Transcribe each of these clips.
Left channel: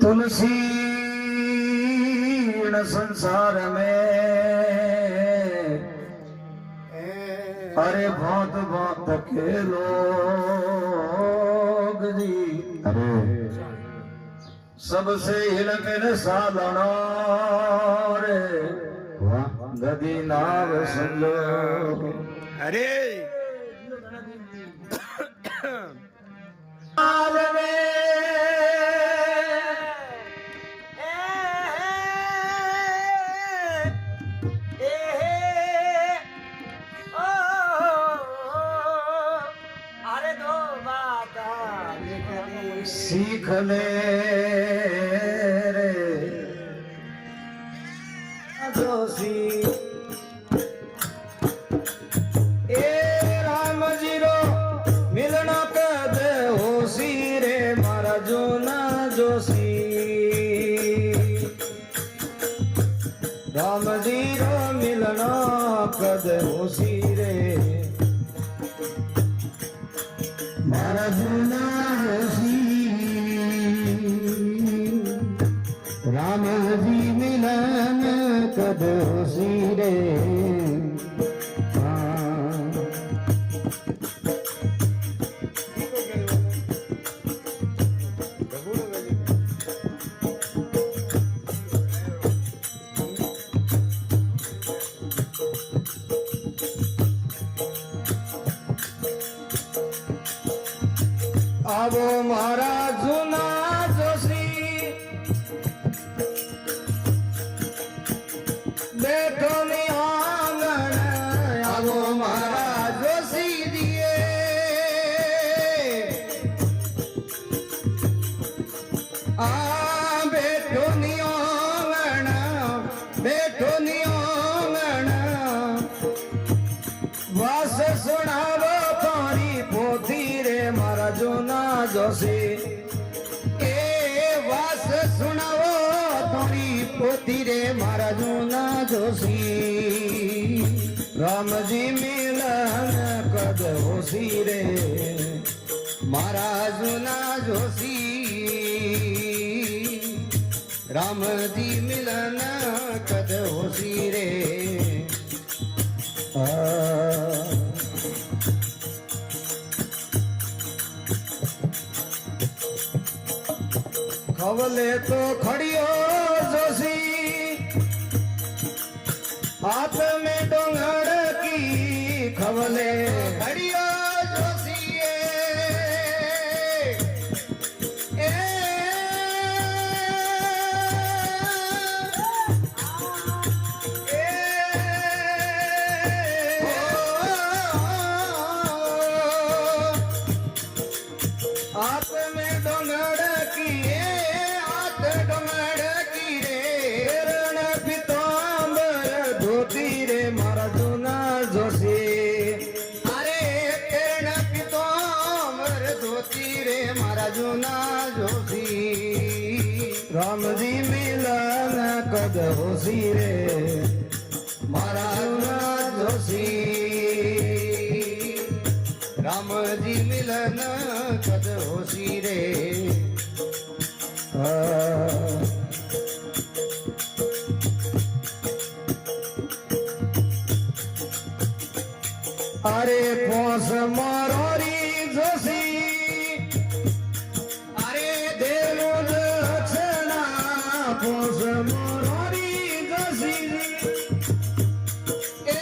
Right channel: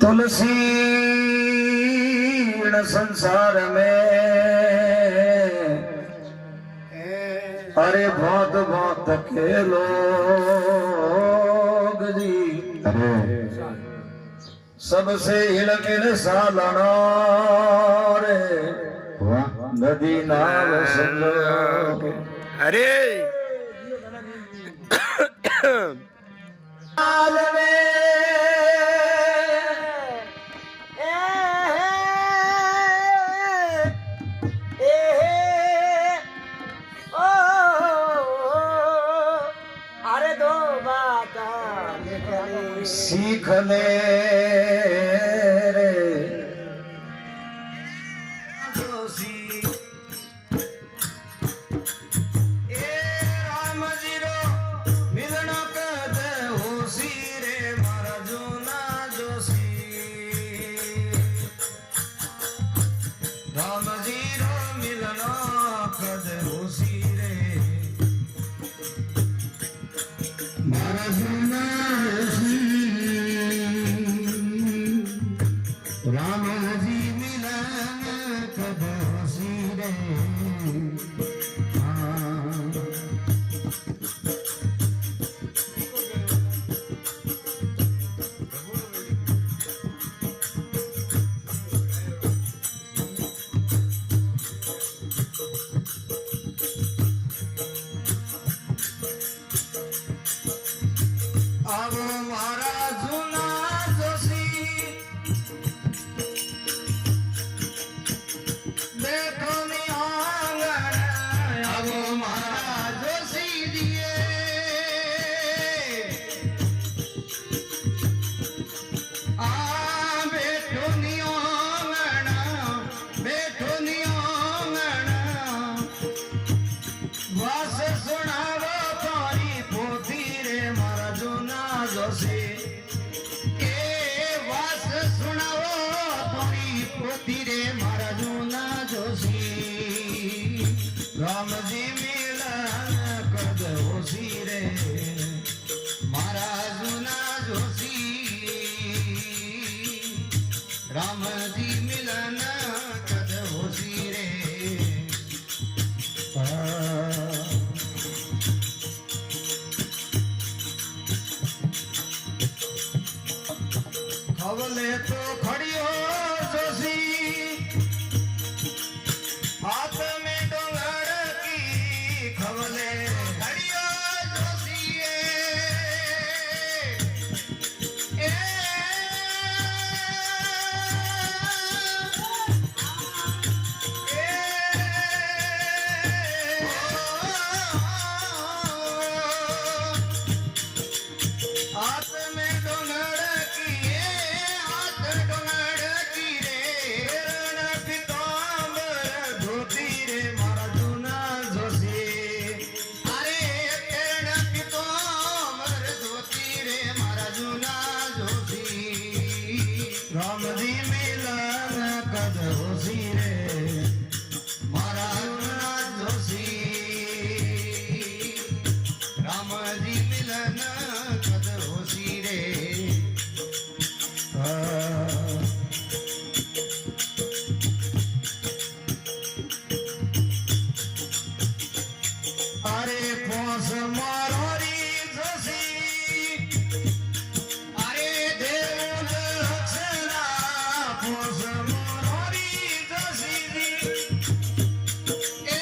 तुलसी संसार में अरे बहुत बहुत के लोग जी सबसे हिलकिन सालना रे नदी नाल संयोग अरे सीख ले रे जोशी ए राम जीरो मिलना कद होशी रे मारा जोना जोशी राम जीरो मिलना कद होशी रे मारा जोना जोशी राम जी मिलन कद होशी रे आवो मारा जुना जोशी देखो मी आंगण आवो मारा जोशी दिए आ बैठो नी आंगण बैठो नी आंगण वास सुनावो तारी पोथी रे मारा जोना जोशी ए वास सुनावो तारी पोथी रे मारा जोना जोशी राम जी मिलन कद होशी रे मारा जोना जोशी राम जी मिलन कद होशी रे खवले तो खड़ियो जोशी हाथ में डोंगर की खवले खड़ियो जोशी ए हाथ में डोंगर की हाथ डोंगर की रे रण पितांबर धोती रे मारा जोना जोशी अरे रण पितांबर धोती रे मारा जोना जोशी राम जी मिलन कद होशी रे मारा जोना जोशी राम जी मिलन कद होशी रे अरे पोस मारो री जोशी अरे देव लक्षणा पोस मारो री जोशी ए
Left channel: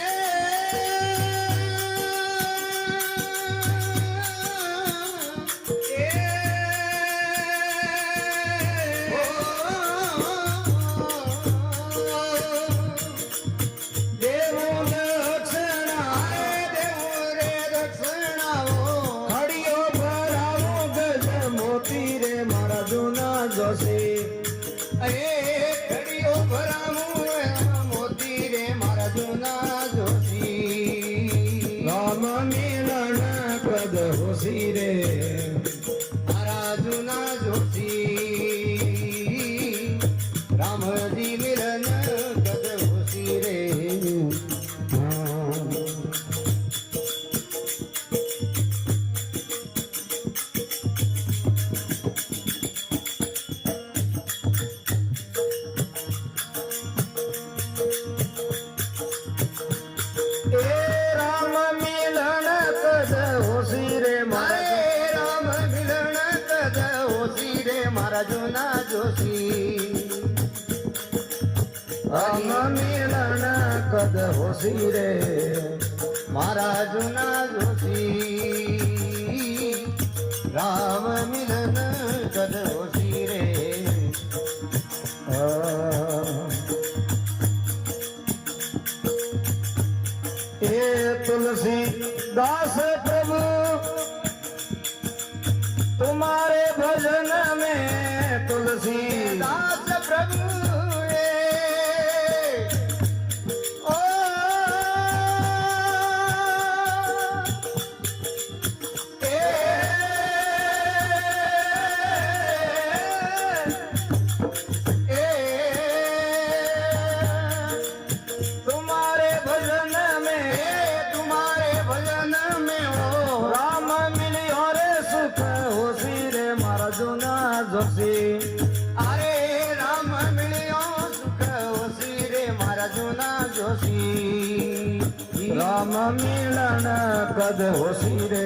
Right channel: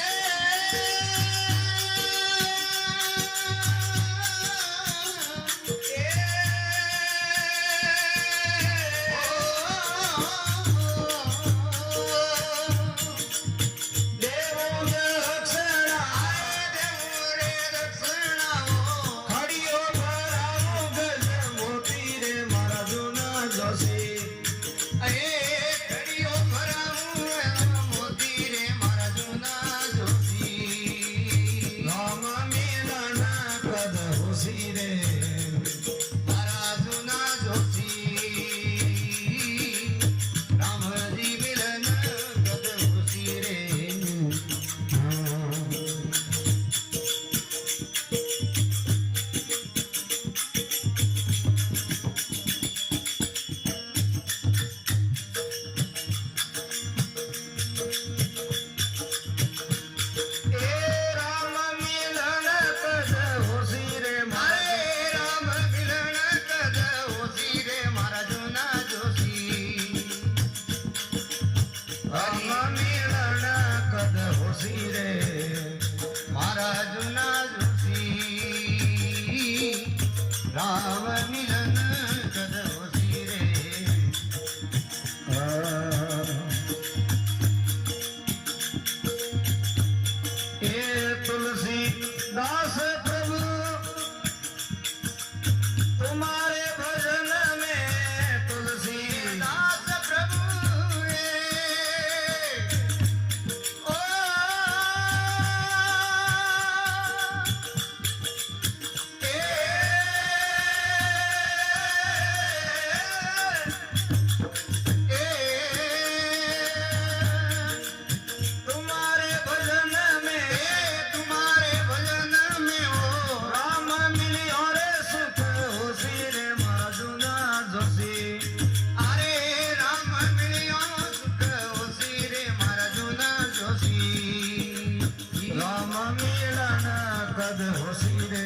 હોશી રે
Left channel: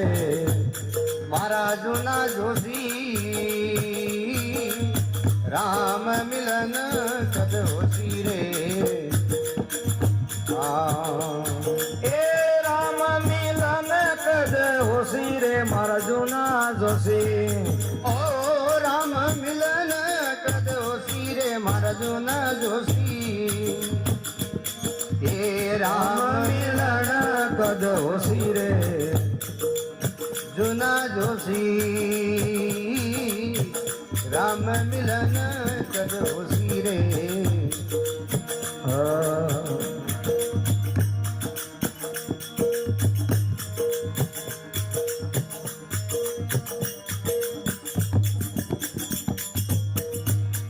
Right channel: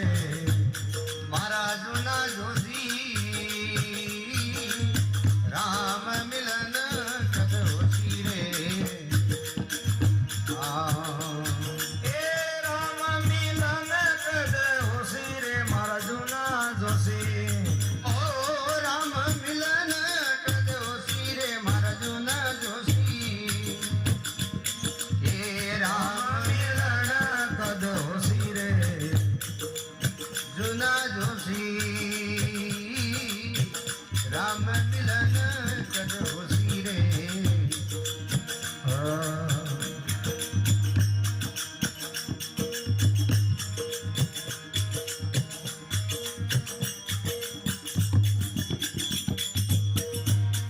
મારા જૂના જોશી રામ મિલન કદ હોશી રે એ રામ મિલન કદ હોશી રે મારા જૂના જોશી ઓ રામ મિલન કદ હોશી રે મારા જૂના જોશી એ રામ મિલન કદ હોશી રે જૂના જોશી રામ મિલન કદ